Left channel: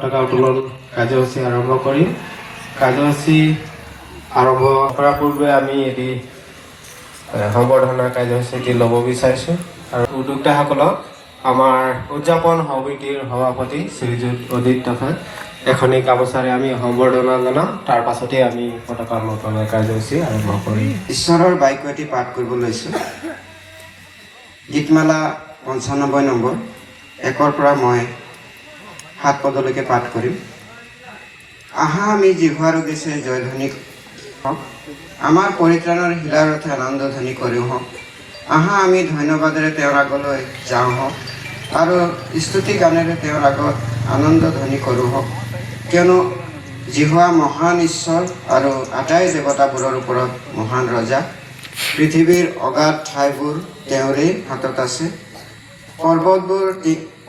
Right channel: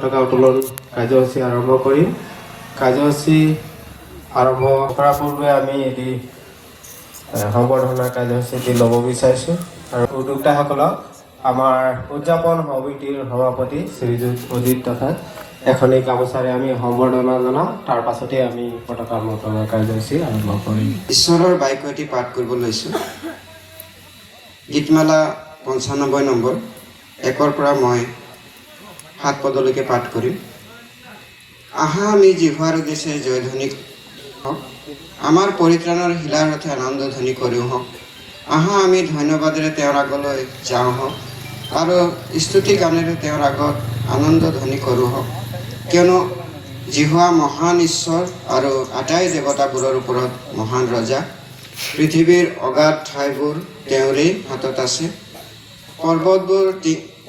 পতাকা উত্তোলন কাৰ্যসূচী আৰম্ভ কৰিম। কাৰ্যসূচী আৰম্ভ কৰাৰ পূৰ্বে আমি এটি সম্বৰ্ধনা কাৰ্যসূচী ল'ব বিচাৰিছোঁ আৰু উদ্যোক্তাসকলক আমাৰ উদযাপন সমিতিৰ সভাপতি শ্ৰীযুত অজিত তথা এখনি গামোচাৰে আমি সম্বৰ্ধনা জনাওঁ। তাৰ পাছতে আমি পতাকা উত্তোলন কাৰ্যসূচী আৰম্ভ কৰিম। ঈশ্বৰৰ বাক্য এটি পাঠ কৰিব লৈছোঁ। গীতমালা 95 নম্বৰ 1ৰ পৰা মই 7 পদলৈকে পাঠ কৰিম। আহা আমি জিহুৱাৰ উদ্দেশ্যে জয়ধ্বনি হওক, আমাৰ পৰিত্ৰাণৰ শিলাৰ ৰথে আনন্দধ্বনি কৰোঁ হওক। আহা আমি ধন্যবাদেৰে তেওঁৰ আগলৈ যাওঁ হওক আৰু স্তুতি গানেৰে তেওঁৰ আগত আনন্দধ্বনি কৰোঁ হওক, কিয়নো জিহুৱা মহান ঈশ্বৰ আৰু আটাই দেৱতাবোৰৰ ওপৰত মহান ৰজা। পৃথিৱীৰ অগাধ ঠাইবোৰ তেওঁৰে হাতত আছে,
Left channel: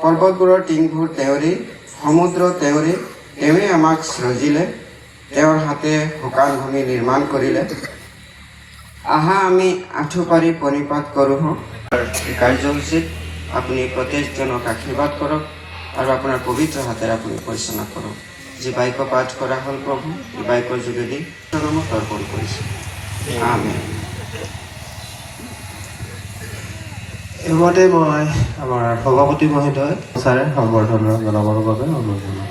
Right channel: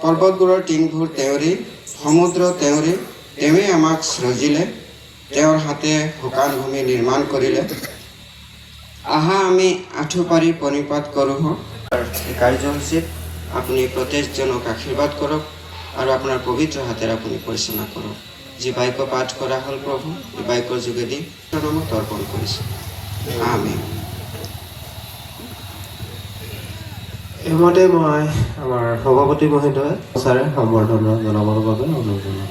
পৰ্বতবোৰৰ টিংবোৰ তেওঁৰে, সমুদ্ৰ তেওঁৰে। তেওঁৱে আমাক সৃজিলে, তেওঁৰ হাতে শুকান ভূমি নিৰ্মাণ কৰিলে। আহা আমি আঁঠু পাৰি প্ৰণিপাত কৰোঁ হওক। এই কাৰ্যসূচীত আপুনি প্ৰত্যেকজনক আশীৰ্বাদ কৰক আৰু আপোনাৰ পবিত্ৰ হাতেৰে আপুনি পৰিচালনা কৰক। যি বাক্য পাঠ কৰা হ'ল প্ৰভু, এই বাক্যৰ যোগেদি নামত অৰ্পণ কৰিছোঁ। আমেন। এইমতে মই আমাৰ সভাপতি মহোদয় ছাৰে সম্বৰ্ধনা জনাবৰ বাবে অনুৰোধ জনাওঁ।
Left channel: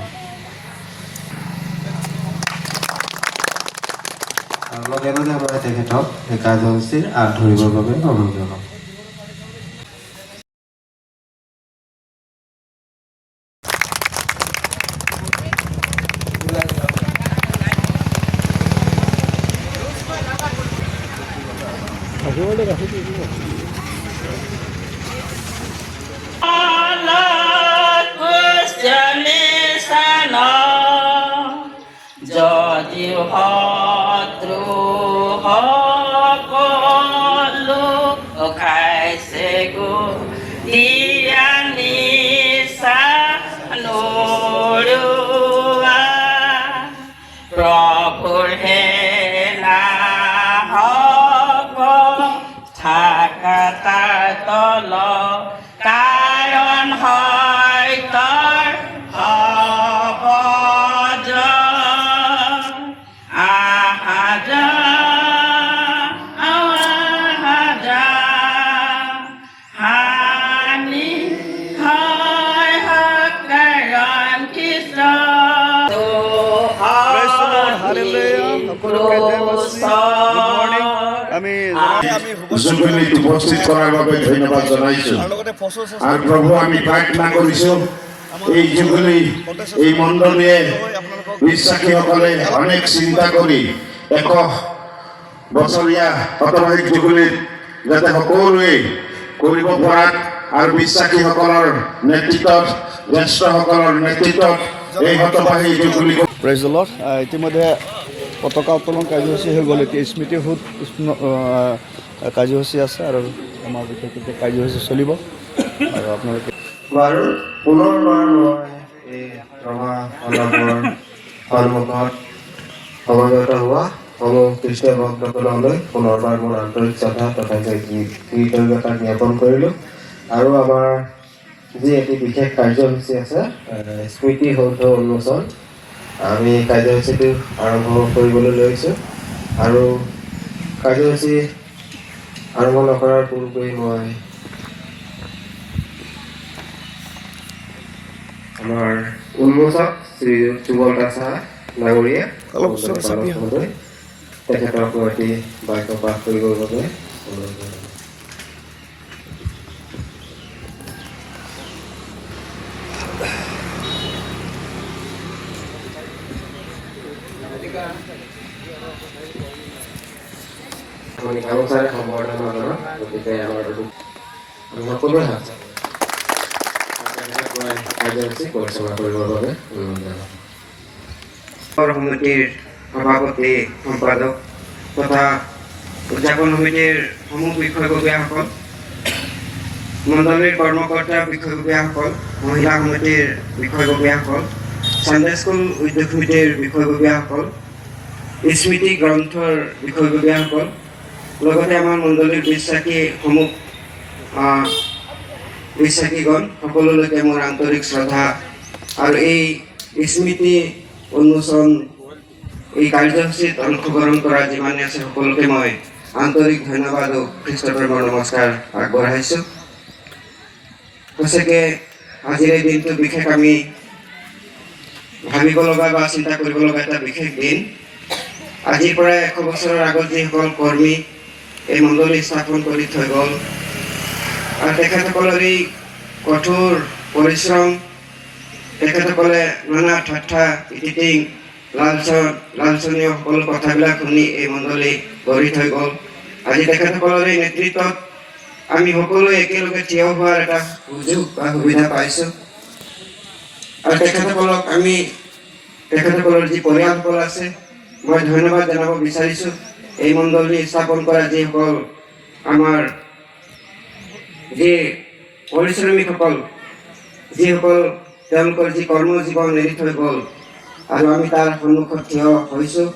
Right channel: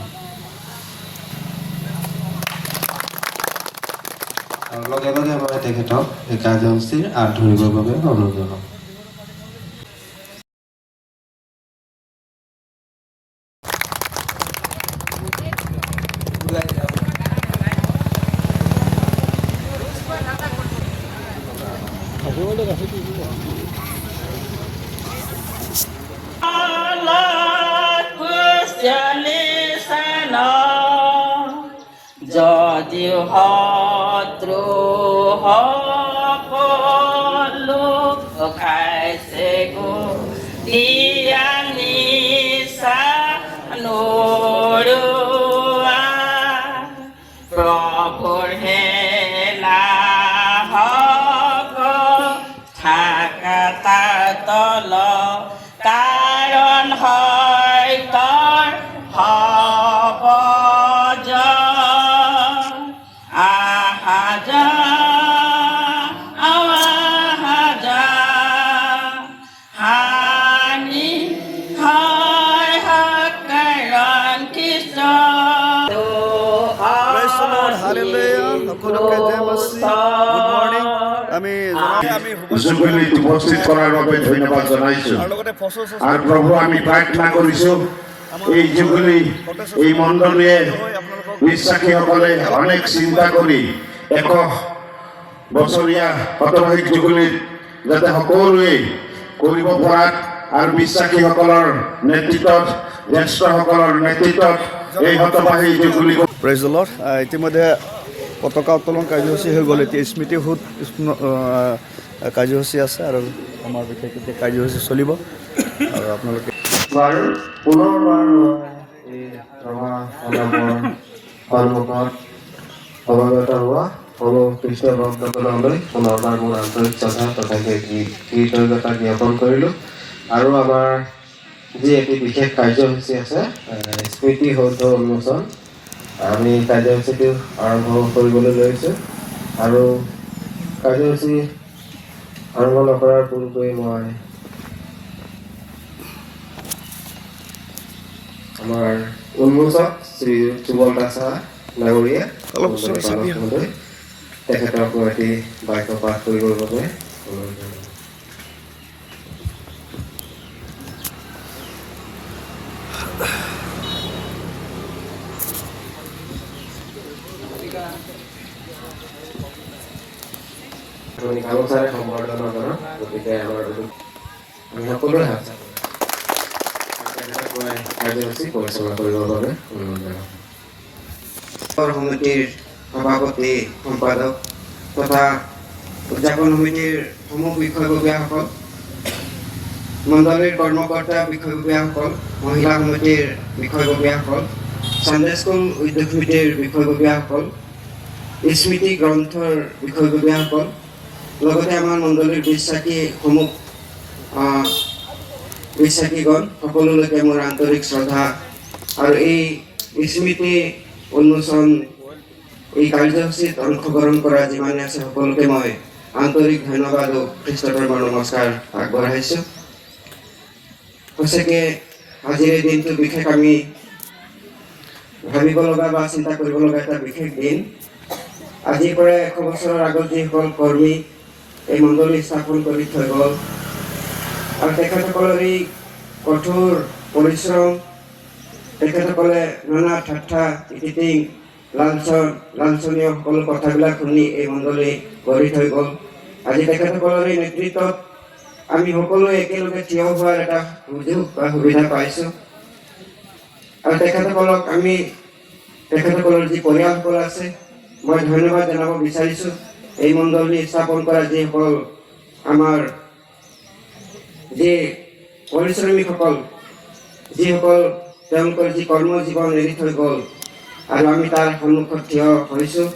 লগে লগে মই তেখেতক এই কাৰ্যসূচীৰ আঁত ধৰিবৰ বাবে অনুৰোধ জনাওঁ। যদি শত্ৰু সকলো খাইছে গো দিয়া নিচা নৰোৱা, প্ৰভুৰ হেলা হক থাকা তাৰ তল, কাৰণ হয় তৰ হব জুবিলিত উপস্থিত কৰাৰ বাবে ধন্যবাদ জনাইছোঁ। আৰু প্ৰভু আমি প্ৰাৰ্থনা কৰিছোঁ এই জুবিলি এই মণ্ডলীয়ে বিশ্বাসীসকলে অনেক চিন্তা কৰি 100 বছৰীয়া শতবাৰ্ষিক জুবিলিত যাতে সকলোৱে কৰিব পৰাত আৰু বিশ্বাসীসকলৰ নেতৃত্বত, জ্যেষ্ঠসকলৰ নেতৃত্বত এই শতবাৰ্ষিক জুবিলি। Praise the lord. ইতিমধ্যে পতাকা উত্তোলন কাৰ্যসূচী হৈ গ'ল। এতিয়া স্মৃতিসৌধ কাৰ্যসূচী আছে আৰু আমাৰ বিশেষ কাৰ্যসূচী চলিব আৰু আপোনালোকে বাৰু পুনৰবাৰ মই এই ৰঙা মণ্ডপৰ সন্মুখত সমাগত হোৱা সমূহ কৃষ্ণ ভক্তসকললৈ পুনৰবাৰ মোৰ আন্তৰিক শ্ৰদ্ধা তথা কৃতজ্ঞতা জ্ঞাপন কৰিলোঁ। আৰু আমাৰ যি এটি বিশেষ কাৰ্যসূচী আছে স্মৃতিসৌধ উন্মোচন, আমি কাৰ্যসূচীটো আৰম্ভ কৰিবলৈ লৈছোঁ। আৰু কাৰ্যসূচী আৰম্ভ নকৰাৰ পূৰ্বে মই আমাৰ উন্মোচক শ্ৰীযুত সুবল দাসা ডাঙৰীয়া তেখেতক মই এটি বাক্য পাঠ কৰিবৰ বাবে গামোচাৰে সম্বৰ্ধনা জনাওঁ। গতিকে আমাৰ সকলোৰে হাত কাৰ্যসূচী পৰিচালনা কৰিবৰ বাবে অনুৰোধ জনাওঁ। সমিতিৰ সভাপতি সম্পাদক তথা উদযাপন সমিতিৰ সমূহ বিষয়ববীয়াসকল, মণ্ডলীৰ কৰ্মকৰ্তা বিষয়ববীয়াসকল, মহিলা সমিতিৰ বিষয়ববীয়াসকল, চানডে স্কুল উদ্যোগ সমিতিৰ বিষয়ববীয়াসকল, স্মৃতি গ্ৰন্থৰ বিষয়ববীয়াসকল, লগতে আমাৰ মণ্ডলীৰ বিশ্বাসীগণ সকলোলৈকে মোৰ আন্তৰিক শ্ৰদ্ধা আৰু এই স্মৃতি উন্মোচন এই কাৰ্যসূচীত অংশগ্ৰহণ কৰা যিমানে আছে সকলোকে মই আন্তৰিক ধন্যবাদ আৰু খ্ৰীষ্টপ্ৰেমৰ নমস্কাৰ আগবঢ়াইছোঁ। সঁচাকৈ আজিৰ এই দিনটো বিশেষ আমি ভাবিব লগা বা চিন্তা কৰিব লগা এটা বিশেষ দিন। আজিৰ পৰা 100 বছৰৰ আগত যিসকল কৰ্মী এই মণ্ডলী স্থাপন কৰি থৈ গ'ল আৰু তেখেতসকলৰ এই কঠোৰ পৰিশ্ৰম, তেখেতসকলে নানা ঠাট্টা ইটিটিং লাঞ্ছনীয় সকলো কথাবিলাক শুনি এই মণ্ডলী গঢ়ি থৈ গ'ল। আজি তেখেতসকলৰ এই নেতৃত্বত আমি সকলোৱে একেলগে থিয় হোৱাৰ এটা সুযোগ বা সুবিধা পাইছোঁ। আৰু তেখেতসকলক আমি তেখেতসকলৰ যি পৰিয়ালসকল আছে মই ধন্যবাদ জনাব বিচাৰিছোঁ। এই মণ্ডলী স্থাপন কৰা যিসকল আমাৰ যি পৰিশ্ৰমীসকল, যিসকল তেওঁলোকৰ যি কৰ্মজীৱন এৰি থৈ গ'ল আৰু আমি তাৰ সন্মুখত থিয় হৈছোঁ,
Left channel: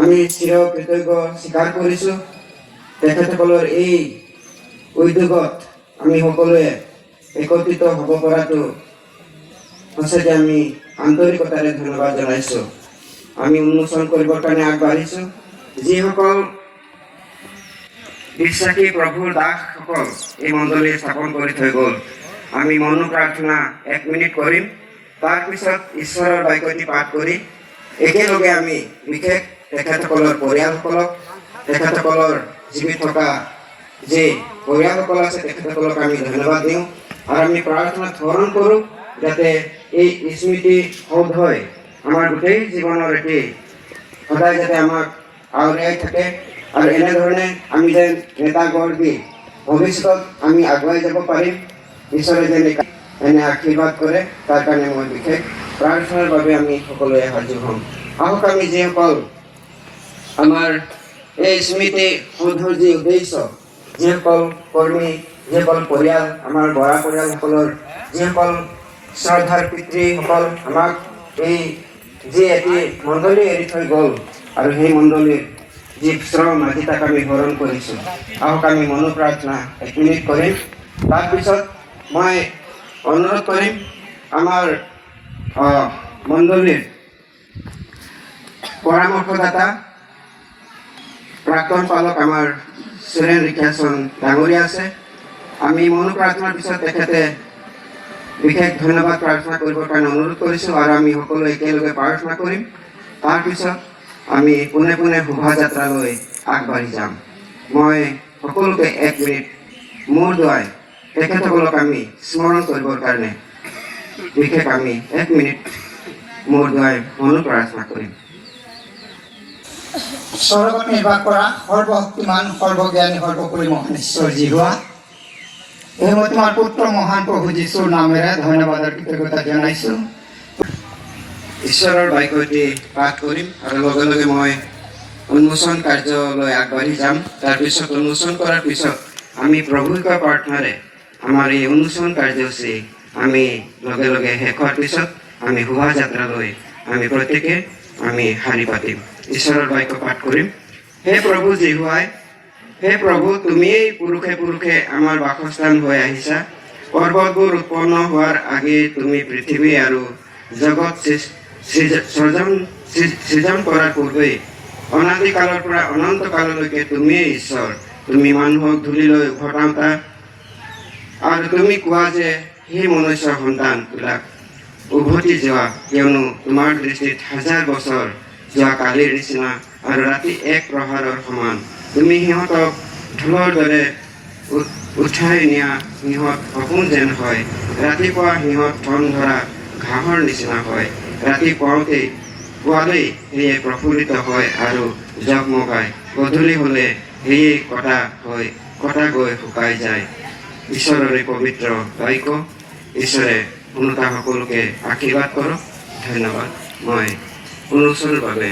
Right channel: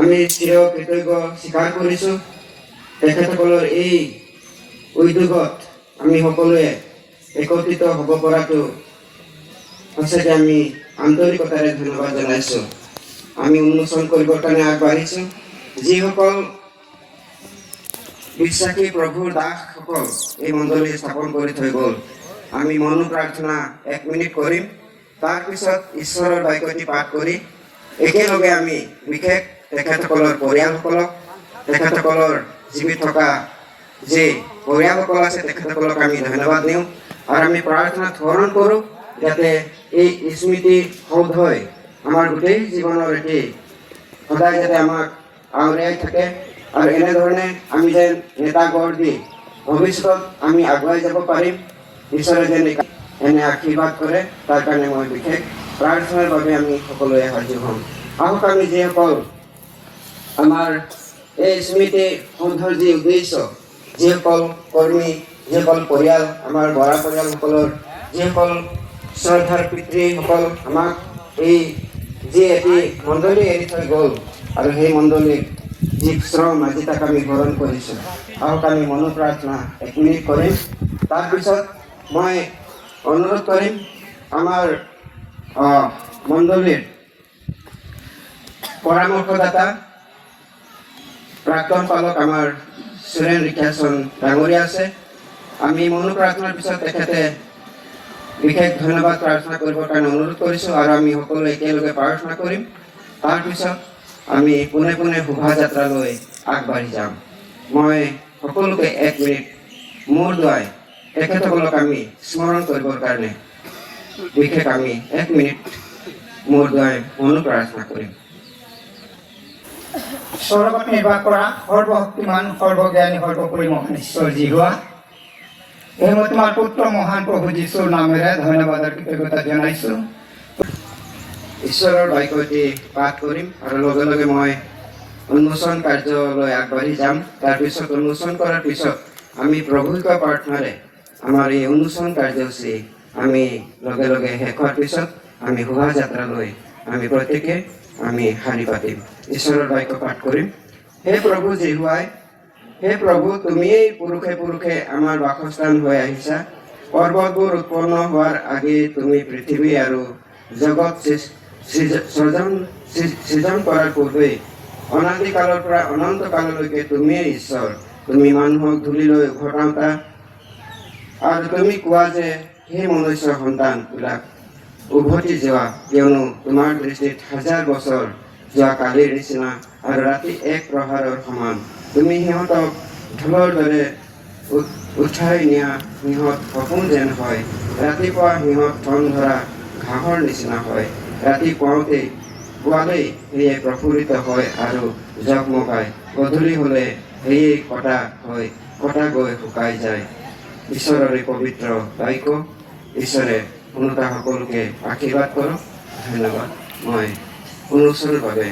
আমি চিৰ কৃতজ্ঞ স্বীকাৰ কৰিছোঁ। তেখেতসকলৰ এই উদ্যোগত আমি সকলোৱে একত্ৰিত হ'ব পৰাটো সঁচাকৈ আমি আন্তৰিকতাৰে ধন্যবাদ জনাইছোঁ। আমি উন্মোচন কৰিবৰ কাৰণে আগবাঢ়িছোঁ। যিসকল বিশ্বাসী প্ৰভুৰ দাসসকল এই মণ্ডলী স্থাপন কৰি থৈ গ'ল, আমি মনো প্ৰাৰ্থনা 1 মিনিট কৰিম। তাৰপিছত ঈশ্বৰৰ বাক্যটি পাঠ কৰি একেলগে আমি বিশেষ তেখেতসকলৰ পৰিয়ালসকলক, তেখেতসকলৰ জীৱিত থকা যি পৰিয়ালসকল আছে তেখেতসকলক আমি ধন্যবাদ দিওঁ আৰু আমি প্ৰাৰ্থনাত স্মৰণ কৰোঁ যাতে এই স্মৃতি সৌধই আমাৰ গোটেই জীৱনৰ এটি সদায় যাতে আমাক আউৰিয়াই থাকে আৰু এনেধৰণে আমি যেন নেতা গঢ় দি ভৱিষ্যতত আমি আগুৱাই যাব পাৰিম। ঈশ্বৰে যেন এনে আশীৰ্বাদ কৰে তাৰ কাৰণে মই বিশেষ প্ৰাৰ্থনাৰ বাবে আমি সকলোৱে সাজু হ'ম। আহক আমি যিসকল আমাৰ এই স্মৃতি সৌধৰ যি উদ্দেশ্য, যিসকল কৰ্মী, যিসকল পৰিয়াল, আমাৰ বৰা পৰিয়ালসকলৰ যিসকল শ্ৰদ্ধাৰ পিতৃসকল আমাক এই যি এটি মণ্ডলী এৰি থৈ গ'ল আৰু সেই মণ্ডলীৰ যি শ্ৰম আজি তাক আমি গ্ৰহণ কৰিছোঁ। আহক আমি মনো প্ৰাৰ্থনা 1 মিনিট কৰিম। তাৰপিছত মই অনুৰোধ কৰিম আমাৰ মণ্ডলীৰ পৰামৰ্শদাতা প্ৰাক্তন পালক আমাৰ সুৰেন ৰিখাচন ডাঙৰীয়া আছে। আমি মনো প্ৰাৰ্থনাৰ পিছত তেখেতে বিশেষ ধন্যবাদ প্ৰাৰ্থনা কৰিবৰ কাৰণে অনুৰোধ কৰিছোঁ আৰু আমি সকলোৱে একেলগে প্ৰাৰ্থনা কৰিম। তাৰপিছত আমি পোনে পোনে শোভাযাত্ৰালৈ আগবাঢ়ি যাম। মই সকলোকে 1 মিনিট মূৰ দোৱাই তেখেতসকলক আমি স্মৰণ কৰিবৰ কাৰণে বিশেষ আমি 1 মিনিট মূৰ দোৱাই মনো প্ৰাৰ্থনা কৰিম। স্বৰ্গত নিৰ্বাস কৰা সৰ্বশক্তিমান, সৰ্বজ্ঞানী, সৰ্বোপৰি মহান ঈশ্বৰ যি হোৱা, এই মই তোমাৰ পুত্ৰ মহান প্ৰভু যীশুৰ নামেৰে ধন্যবাদ আৰু কৃতজ্ঞতা জনাইছোঁ। ঈশ্বৰৰ বাক্যটি পাঠ কৰিম আৰু লগে লগে মই উন্মোচন কাৰ্যলৈ আগবাঢ়ি যাম। তাৰপিছত উন্মোচন কৰাৰ পিছত আমি প্ৰভুৰ প্ৰাৰ্থনাৰে আমাৰ এই উন্মোচন কাৰ্যসূচী আমি লগে লগে শেষ হোৱাৰ পিছত আমি শোভাযাত্ৰালৈ আমি প্ৰত্যেকে আমি শাৰী পাতিম। ঈশ্বৰৰ বাক্য পাঠ কৰিম। হে প্ৰভু জিহুৱাই, হে প্ৰভু, তুমিয়েই পুৰুষে পুৰুষে আমাৰ বাসস্থান হৈ আহিছা। পৰ্বতবোৰ উৎপন্ন হোৱাৰ আগেয়ে তুমি পৃথিৱী আৰু জগত সৃজন কৰাৰ পূৰ্বেই অনাদিকালৰ পৰা অনন্ত কাললৈকে তুমিয়েই ঈশ্বৰ। তুমি মানুহক ধূলিলৈ উভতাওঁতা আৰু তুমি কোৱা যে সেই মনুষ্যৰ সন্তানবিলাক উভতি যোৱা, কিয়নো তোমাৰ দৃষ্টিত 1000 বছৰ যোৱা কালিৰ নিচিনা আৰু ৰাতি 1 প্ৰহাৰৰ সমান। তুমি সিহঁতক ঢোলৰ দৰে উঠাই নিয়া সিহঁত সপোন যেন হয়। ৰাতিপুৱা সিহঁত ঠন ধৰা ঘাঁহৰ নিচিনা হয়। ৰাতি পুৱালেই সেয়ে প্ৰফুল্লিত হয় আৰু জগমগায়। গধূলি হ'লে সেয়ে কটা গৈ শুকাই যায়। ঈশ্বৰৰে পবিত্ৰ বাক্য। ঈশ্বৰে শুনোতা সকলোকে আশীৰ্বাদ কৰক। ধন্যবাদ। মই উন্মোচনৰ বাবে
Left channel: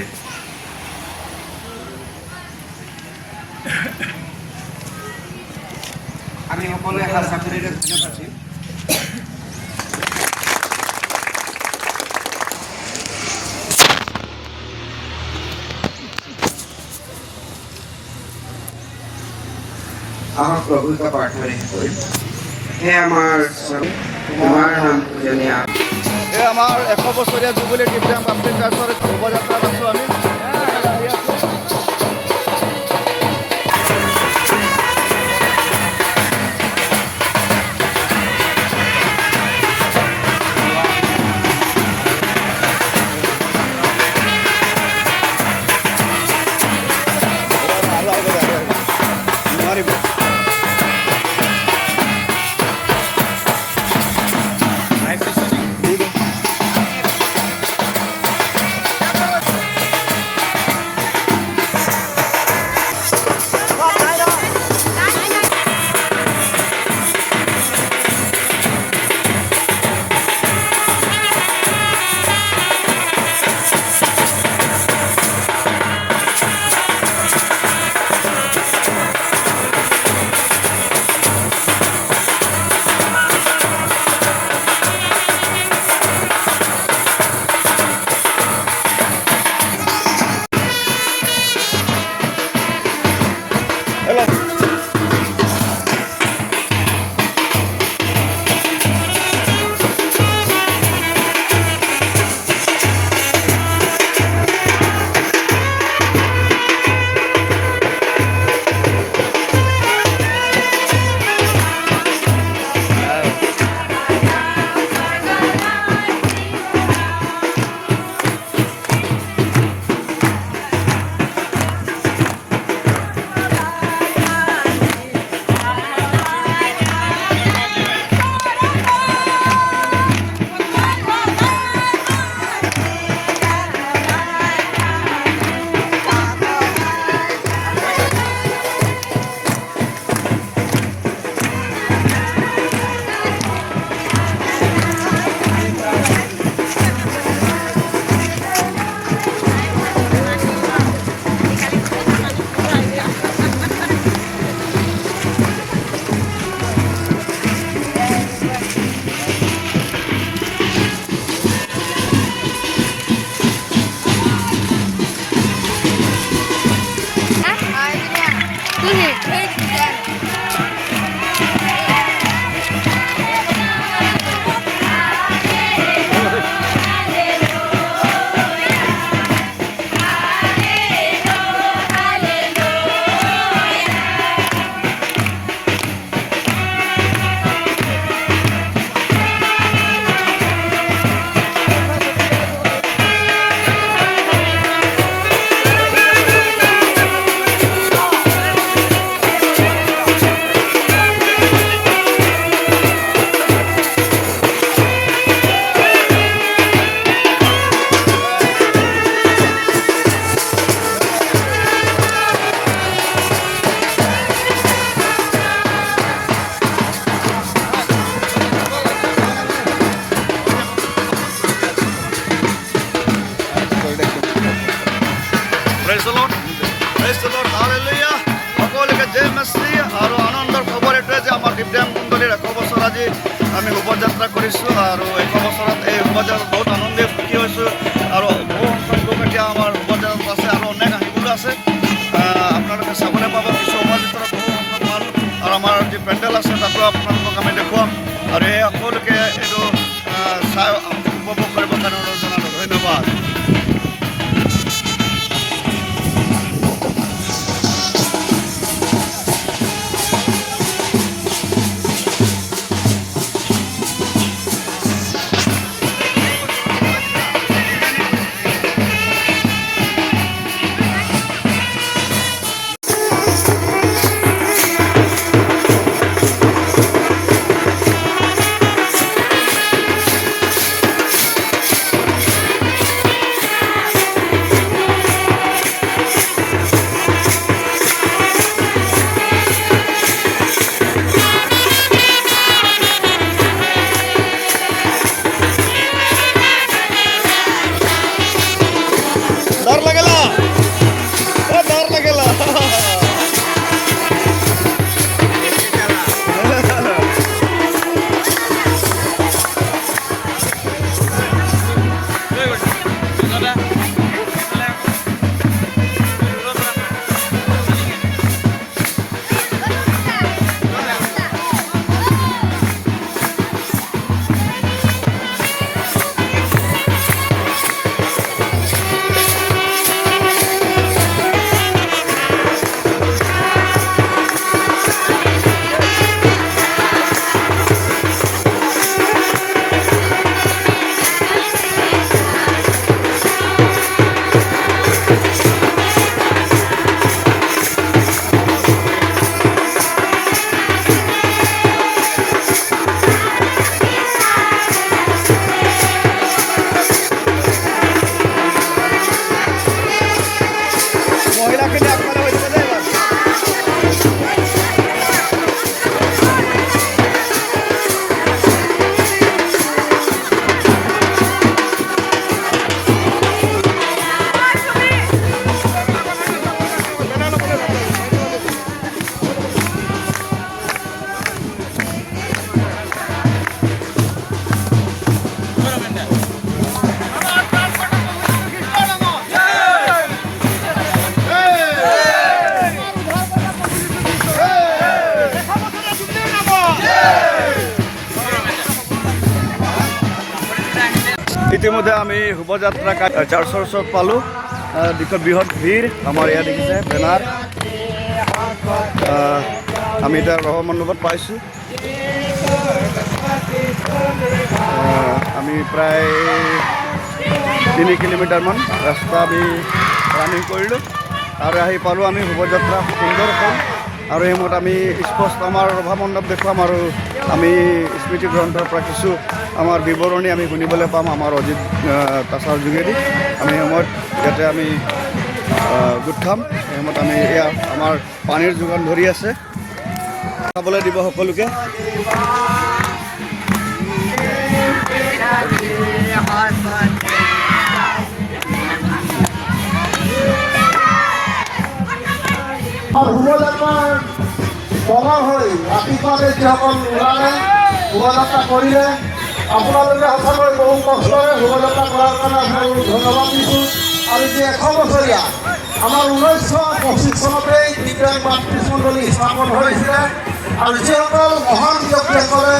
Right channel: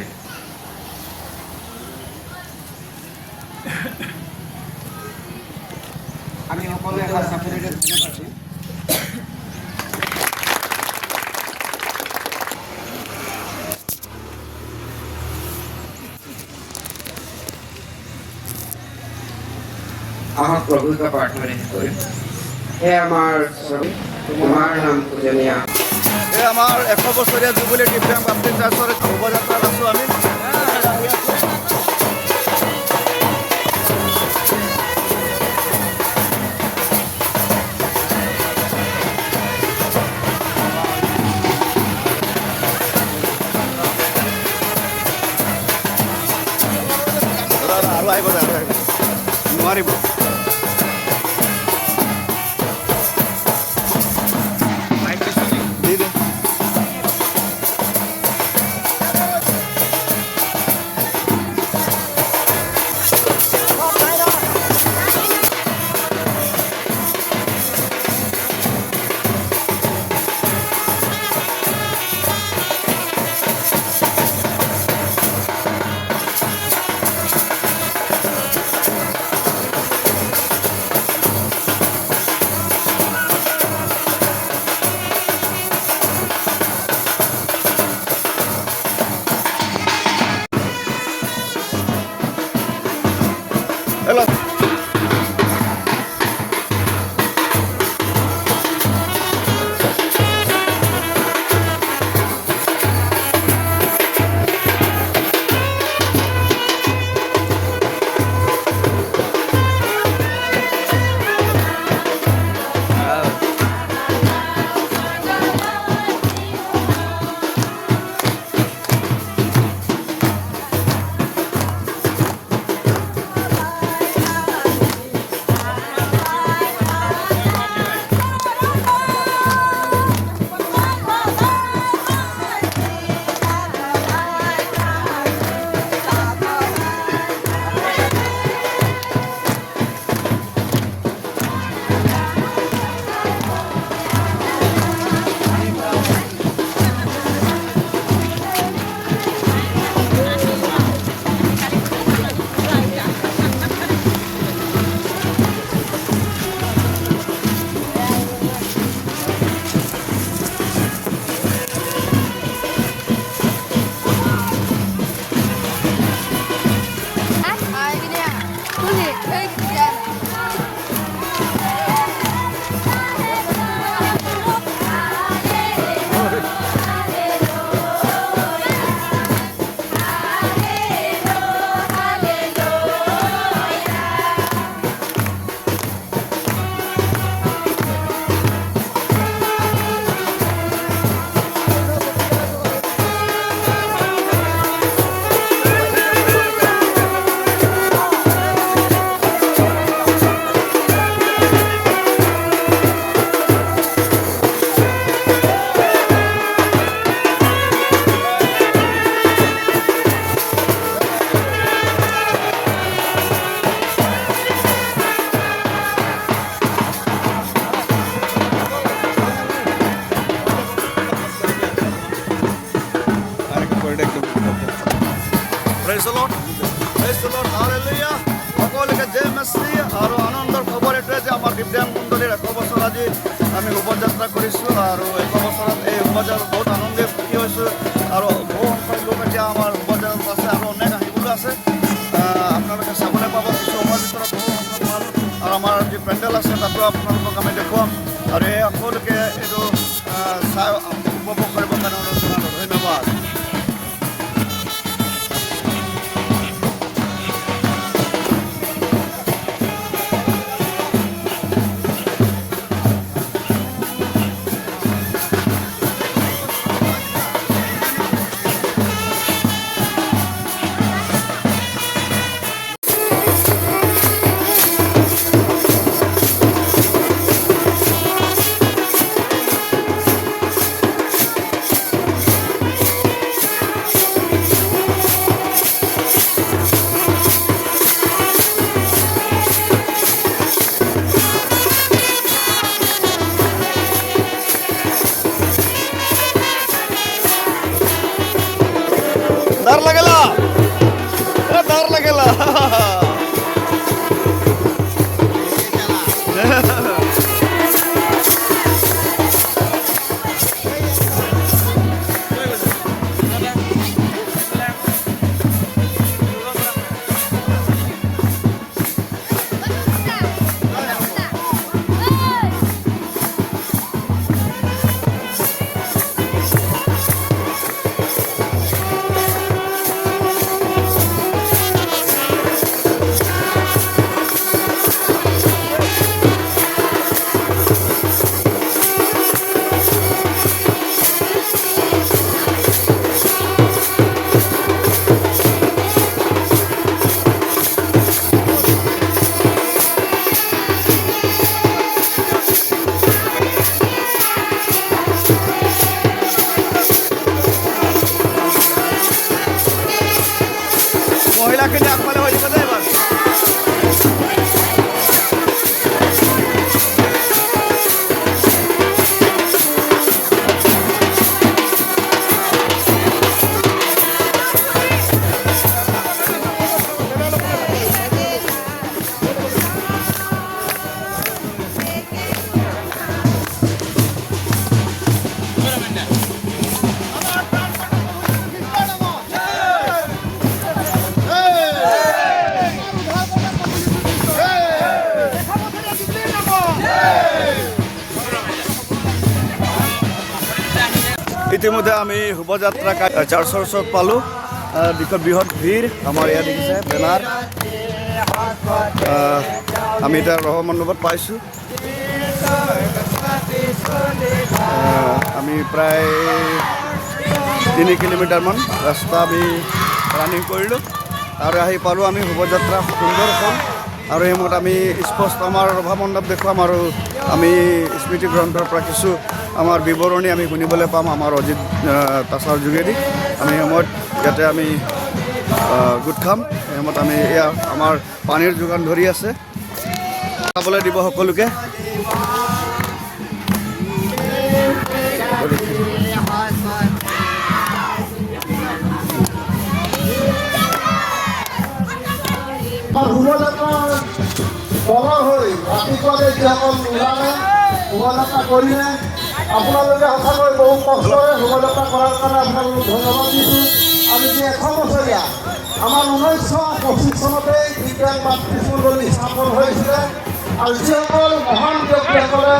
আমি সকলোৱে এটা চাকৰিৰে ধন্যবাদ দিম। আহক প্ৰভুৰ প্ৰাৰ্থনা কৰিম। হে আমাৰ স্বৰূপ, তোমাৰ নাম পূজনীয়। যে আমাৰ 100 বছৰীয়া জুবিলী দিব্যাংগ বাপ্তি ট্ৰাষ্টৰ শোভাযাত্ৰাত আছোঁ আমি। নোৱাৰিব। ইতিমধ্যে আমি শোভাযাত্ৰা চাৰ্চৰ ওচৰত পালোঁ বৃহৎ ভিৰ আমাৰ ইয়াত দেখিছে বেনাৰ আমি এতিয়া ৰহ মণ্ডপত পাইছোঁ আমি প্ৰায় 3 কিলোমিটাৰমান ৰাস্তা আমি ৰানিং কৰিলোঁ আৰু আহি পালোঁ আমি শোভাযাত্ৰা সুন্দৰকৈ আৰু এই সময়ত আমি স্পষ্ট আমাৰ ৰভা মণ্ডপ দেখুৱাম আৰু আমি স্মৃতি গ্ৰন্থৰ পৰা কিছু আমাৰ বিৱৰণী আমি শুনিবলৈ পাম আমাৰ অজিত তাছাৰ যোগেদি আমি সময়ত ইয়াতে আমি গোট খাম এই সময়ত আমি এয়া আমাৰ পানীৰ যোগান ধৰি আছে খাবলৈ দিব সকলোকে সময় হৈ ৰাতিপুৱাতে যিসকল ওলালে শোভাযাত্ৰা কৰিলে আপোনালোকে সঁচাকৈ বহু কষ্টৰে শোভাযাত্ৰা কৰাৰ কাৰণে আপোনালোকক ধন্যবাদ দিছোঁ আৰু যি 100 বছৰীয়া আমাৰ 1925 চনতেই দিব্যাংগ বাপ্তিস্ম মণ্ডলী স্থাপন হৈছিলে আৰু যিসকল মহান ব্যক্তিসকলে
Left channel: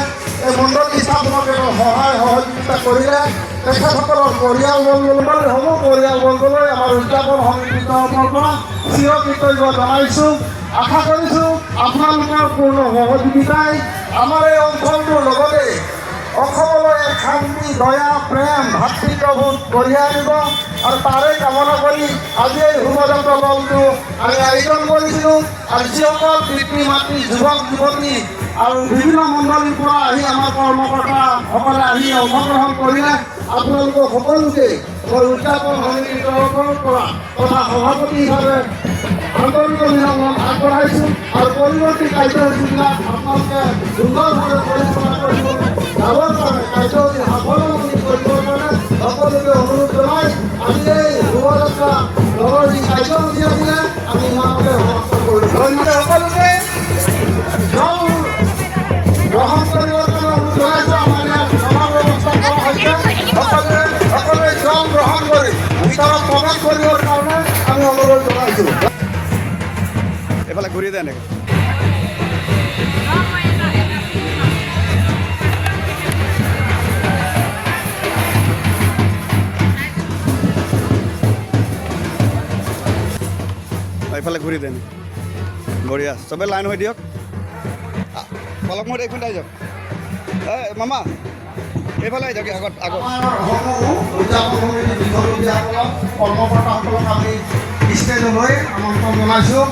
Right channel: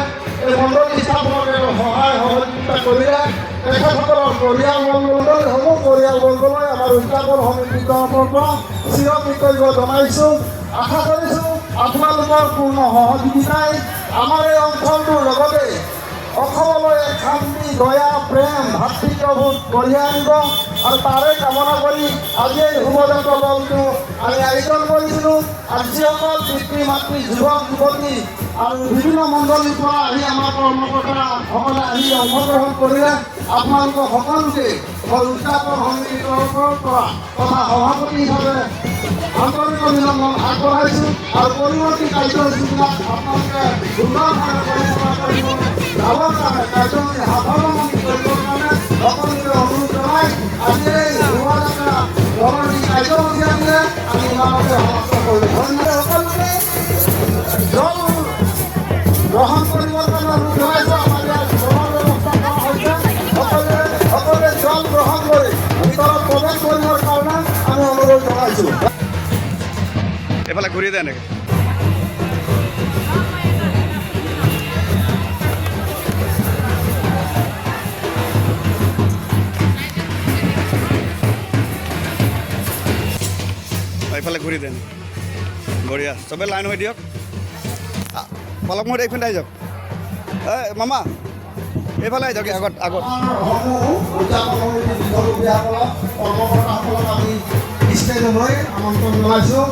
এই মণ্ডলী স্থাপনত সহায় সহযোগিতা কৰিলে তেখেতসকলৰ পৰিয়ালবৰ্গলৈ হ'ব পৰিয়ালবৰ্গলৈ আমাৰ উদযাপন সমিতিৰ তৰফৰ পৰা চিৰকৃতজ্ঞ জনাইছোঁ আশা কৰিছোঁ আপোনালোকৰ পূৰ্ণ সহযোগিতাই আমাৰ এই অঞ্চলটোৰ লগতে অসমলৈ শান্তি দয়া প্ৰেম ভাতৃত্ববোধ কঢ়িয়াই আনিব আৰু তাৰে কামনা কৰি আজি এই শোভাযাত্ৰা দলটো আমি আয়োজন কৰিছিলোঁ আৰু যিসকল পিতৃ মাতৃ যুৱক যুৱতী আৰু বিভিন্ন মণ্ডলীৰ পৰা আহি আমাৰ কৰ্মকৰ্তাসকলে আহি অংশগ্ৰহণ কৰিলে আপোনালোকক সকলোকে মই উদযাপন সমিতিৰ তৰফৰ পৰা তথা সভাপতি হিচাপে আন্তৰিক অভিনন্দন আগবঢ়াইছোঁ আৰু পৰৱৰ্তী কাৰ্যসূচীবিলাক আপোনালোকে সুন্দৰভাৱে পৰিচালনা কৰিব যাবৰ কাৰণে কাৰ্যসূচী সাফল্যমণ্ডিত কৰিবৰ কাৰণে সকলোকে অনুৰোধ জনাই আজি এই শোভাযাত্ৰা দলৰ যি কাৰ্যসূচী আছিলে আমি ইমানতে সমাপ্ত কৰিম ধন্যবাদ সকলোকে জল গ্ৰহণ কৰিবৰ কাৰণে অনুৰোধ জনাইছোঁ আমাৰ ইয়াত জলৰ ব্যৱস্থা কৰা হৈছে সকলোৱে জল গ্ৰহণ কৰি ভিতৰত প্ৰৱেশ কৰিবৰ কাৰণে আমি অনুৰোধ জনাইছোঁ এইফালে ঘূৰি যায় নেকি এইফালে ঘূৰি যায় নেকি বঢ়িয়া চবেই লাইন হৈ দিয়ক অলপ মই এইফালে আহি যাওক মামা এইফালে আহি যাওক আগত আগত কৰ্মকৰ্তাসকলক আমি ষ্টেজলৈ আমন্ত্ৰণ জনাইছোঁ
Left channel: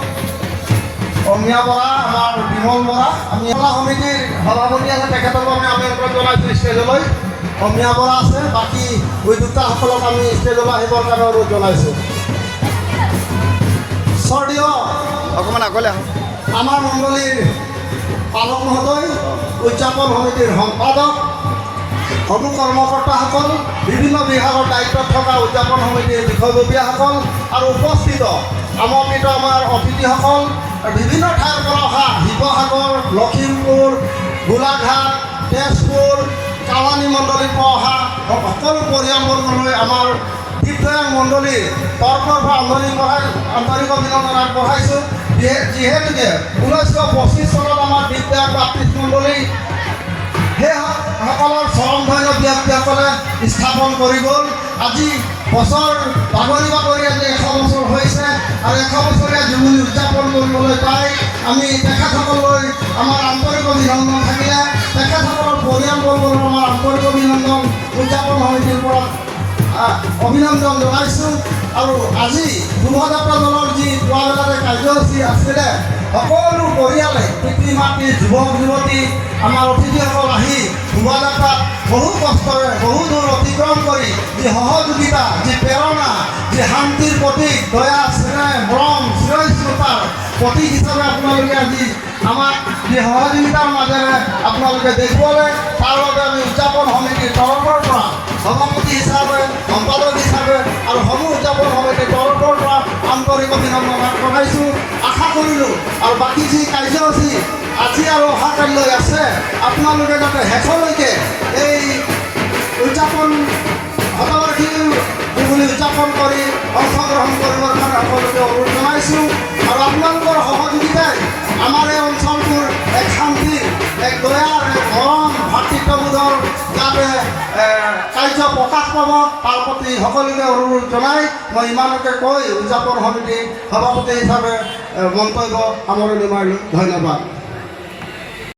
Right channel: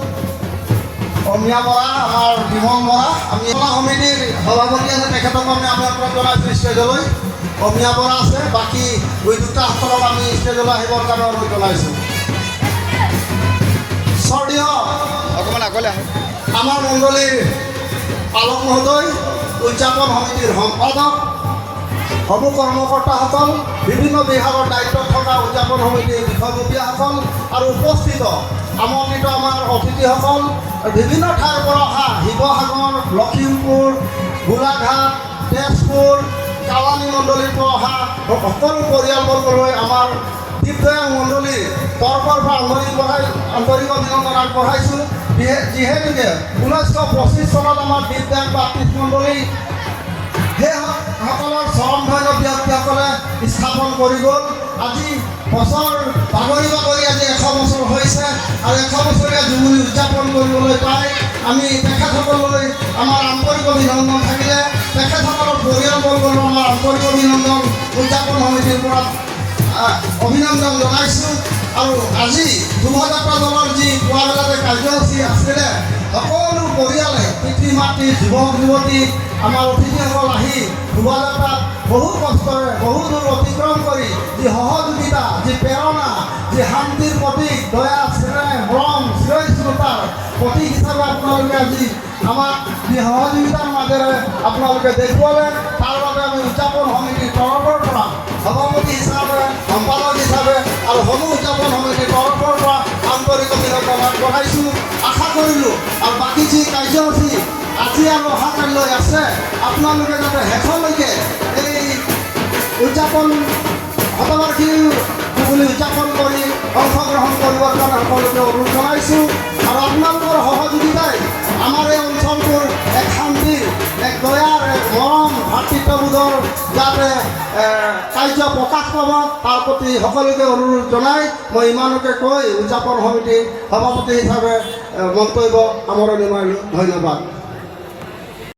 অমিয়া বৰা আমাৰ বিমল বৰা আমি সমিতিৰ সভাপতি আছে তেখেতকো আমি আমন্ত্ৰণ জনাইছোঁ ষ্টেজলৈ অমিয়া বৰা আছে বাকী উদ্যোক্তাসকলক আমি ষ্টেজলৈ আহিবৰ কাৰণে অনুৰোধ জনাইছোঁ স্বৰ্গীয় অকণমান আগলৈ আহক আমাৰ মণ্ডলীৰ পালক মহোদয় উদযাপন সমিতিৰ সম্পাদক সমূহ কৰ্মকৰ্তাসকল বিভিন্ন বিভাগৰ দায়িত্বত থকা উদযাপন সমিতিৰ বিষয়ববীয়াসকল আৰু উপস্থিত আমন্ত্ৰিত আমাৰ অতিথিসকল বিভিন্ন ঠাইৰ পৰা অহা শিৱসাগৰ লখিমপুৰ গোলাঘাট তেজপুৰ কালানী মণ্ডলীৰ পৰা অহা সকলো পৰিয়ালবৰ্গলৈ আমাৰ দিব্যাংগ মণ্ডলীৰ তৰফৰ পৰা আন্তৰিক অভিনন্দন আগবঢ়াইছোঁ যিহেতুকে 1925 চনত আমাৰ দিব্যাংগ বাপ্তিস্ম মণ্ডলী সেইসকলৰ স্বৰমধন্য ব্যক্তিসকলে স্থাপন কৰি গ'ল আজি বছৰ বাগৰি বাগৰি আজি 100 বছৰ হৈছে আৰু 100 বছৰীয়া জুবলি উদযাপন কৰিবলৈ পাই আমি তেখেতসকললৈ আমাৰ আন্তৰিক অভিনন্দন থাকিলে তেখেতসকলৰ পৰিয়ালবৰ্গলৈ আমাৰ আন্তৰিক অভিনন্দন উদযাপন সমিতিৰ পৰা অভিনন্দন জনাইছোঁ আৰু আজি শোভাযাত্ৰা দলৰ যি পুৱাবেলাতে কাৰ্যসূচী আছিলে সকলো পৰিয়ালে পিতৃ মাতৃ যুৱক যুৱতী আমাৰ অতিথিসকল আহি শোভাযাত্ৰাত বহু কষ্টৰে বহু দূৰ অতিক্ৰম কৰি যি সহযোগিতা যি প্ৰেৰণা যি শান্তিৰ প্ৰতীক দয়া স্নেহ মৰম চিৰস্মৃতাৰ প্ৰতীক হিচাপে আপোনালোকে আজি আমাক যি সহযোগিতাৰ মাজেৰে আপোনালোকে দেখুৱালে তাৰ বাবে আমি উদযাপন সমিতিৰ তৰফৰ পৰা সভাপতি হিচাপে সম্পাদক হিচাপে আৰু সমূহ উদযাপন সমিতিৰ তৰফৰ পৰা আন্তৰিক অভিনন্দন আগবঢ়াইছোঁ আশা কৰিলোঁ আৰু বাকী যি কাৰ্যসূচী আজি আৰু অহাকালিলৈ আছে আপোনালোকে যাতে শেষলৈকে এই উদযাপন শতবাৰ্ষিকী জুবলি উদযাপন কৰি অংশগ্ৰহণ কৰিবৰ কাৰণে সকলোকে অনুৰোধ জনাইছোঁ আৰু আপোনালোকৰ সহযোগিতাই আমাৰ এই অঞ্চলটোৰ এক শান্তিৰ এক দয়াৰ এক মৰম ভাতৃত্ববোধৰ যাতে কাৰ্য প্ৰকাশ পাব তাৰ প্ৰতি সকলোকে অনুৰোধ জনাই মই ইমানকে কৈ উদযাপন সমিতি সভাপতি হিচাপে মন্তব্য সামৰণি মাৰিলোঁ। ধন্যবাদ।